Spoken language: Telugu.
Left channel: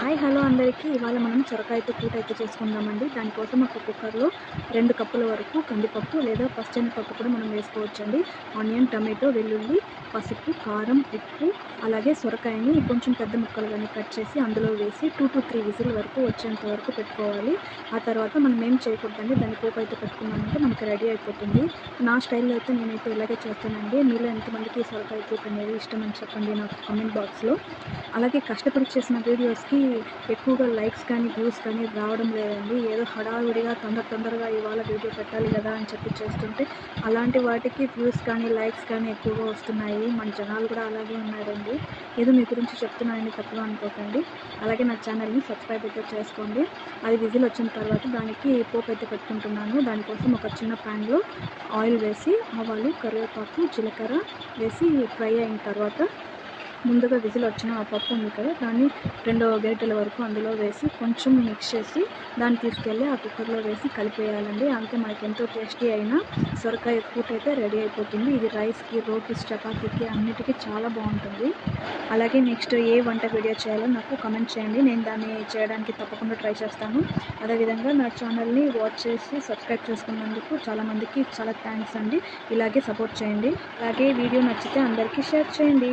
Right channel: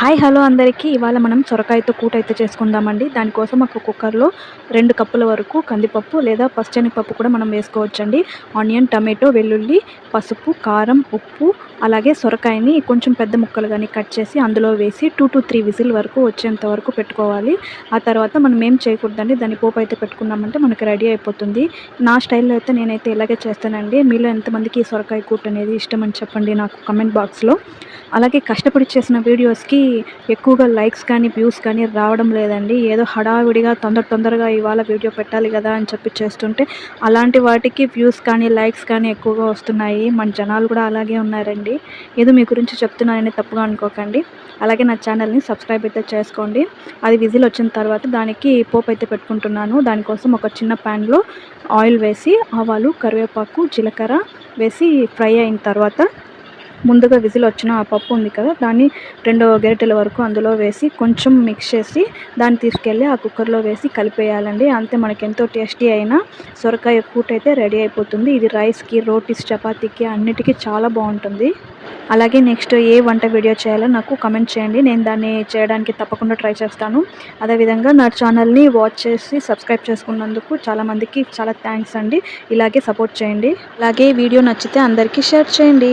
హాయ్ హలో అందరికీ. ఇవాళ మనం సొరకాయతో కూట అయితే చేసుకుందామండి. దానికోసం ఒక కుక్కర్లో రెండు కప్పుల వరకు కందిపప్పు లేదా పచ్చనిపప్పు కూడా మనం వేసుకోవచ్చండి. ఆనియన్ టమాటో వెల్లుల్లి పసుపు కారం ఉప్పు అలాగే సొరకాయని కొంచెం పెద్ద ముక్కలు కానీ కట్ చేసి అందులో వేసి టూ టు త్రీ విజిల్ వరకు వచ్చేంత వరకు పెట్టుకోవాలి. ఆ తర్వాత మనం ఏం చేయకూడదండి? దాన్ని పోపు అయితే పెట్టుకున్నామంటే మనకి రెడీ అయిపోతుంది. నా స్టైల్లో అయితే నేనైతే ఇలాగే చేస్తానండి. మీలో ఎంతమందికి సొరకాయ కూట అనేది ఇష్టం అని చెప్పండి నాకు కమెంట్ బాక్స్లో అలాగే కష్టపడి చేసిన వీడియోస్కి ఎక్కువగా లైక్స్ కానీ వ్యూస్ కానీ రావడం లేదండి. ఏదో హడావిడిగా తొందర తొందరగా ఇవాళ వీడియో పెట్టాలి కదా అని చెప్పి చేస్తుంటే అలాంటి వాటికి వ్యూస్ కానీ లైక్స్ కానీ ఎక్కువగా వస్తున్నాయి. మన జనాలు కూడా అలాగే ఉన్నారండి. ఏదో మీ గురించి చెప్తున్నానని తప్పుగా అనుకోకండి. అలాగే నా ఛానల్ని సబ్స్క్రైబ్ అయితే చేసుకోండి. అది విజిల్ వచ్చిన తర్వాత దానికి పోపు అయితే పెట్టుకుంటున్నాను. దానికోసం ఒక చిన్న ప్యాన్లో ఆయిల్ వేసి ఆవాలు కరివేపాకు జీలకర్ర వేసి ఫ్రై అయిన తర్వాత ముందుగా విజిల్ వచ్చిన ఆ పప్పు ఉంది కదా దాన్ని రెండు గరిటెల వరకు అందులో వేసి కొంచెం మిక్స్ చేసి దాన్ని తీసుకెళ్ళి ఆ కుక్కర్లో వేసి కలిపేయాలండి. అంతే మనకి ఎంతో టేస్టీ అయిన సొరకాయ కూట అయితే రెడీ అయిపోతుంది. ఇది రైస్కి రోటీస్ చపాతీకి అన్నిటికీ చాలా బాగుంటుంది. అలాగే నెక్స్ట్ ఏ వంట వీడియో చేయాలో నాకు కమెంట్ చేయండి. నేను దాన్ని చేయడానికి తప్పకుండా ట్రై చేస్తాను. అదేవిధంగా నా ఛానల్ని వాచ్ చేసి సబ్స్క్రైబ్ చేసుకున్నందుకు చాలామందికి చాలా థ్యాంక్స్ అండి. ఇలాగే సపోర్ట్ చేయండి. అలాగే వీడియో నచ్చితే అందరికీ షేర్ చేయండి.